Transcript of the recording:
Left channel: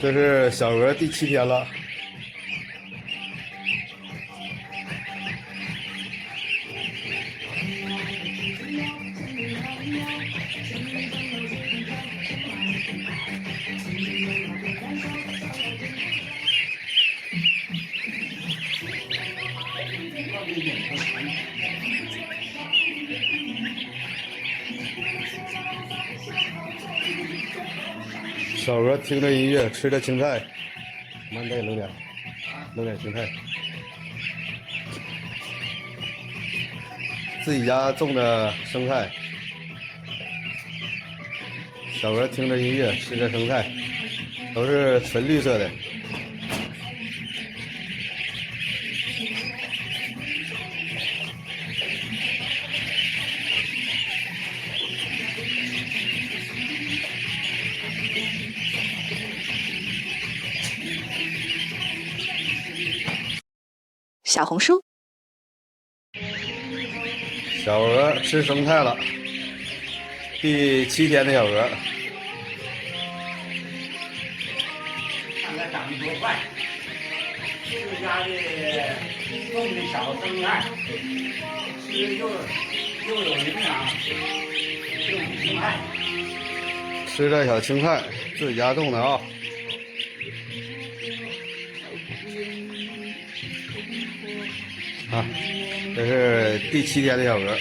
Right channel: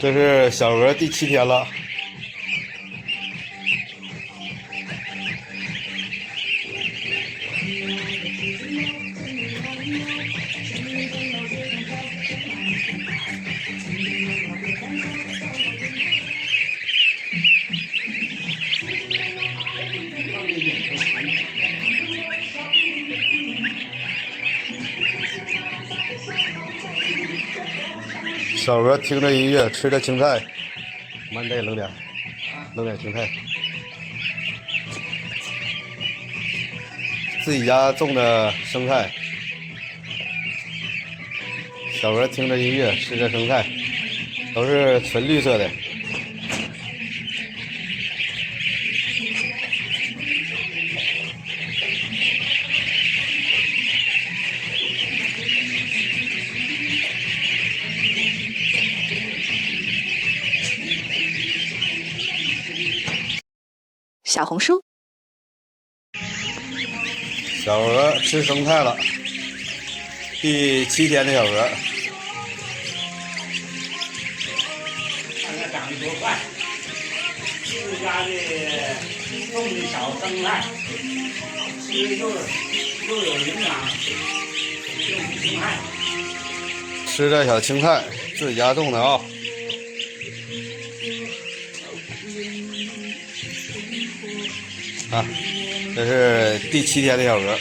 这是小鹅第7天了。小鹅听着音乐，吃着青菜，慢点，扔点青菜。自己家种的生菜，小鹅听着音乐，吃着生菜，都是纯绿色的。小红书，小鹅吃生菜了，第7天的小鹅。看它长得多快！自家的种的小生菜，吃又有营养，种青菜。吃着小青菜，自己家种的啊。啊，这是第7天的小鹅。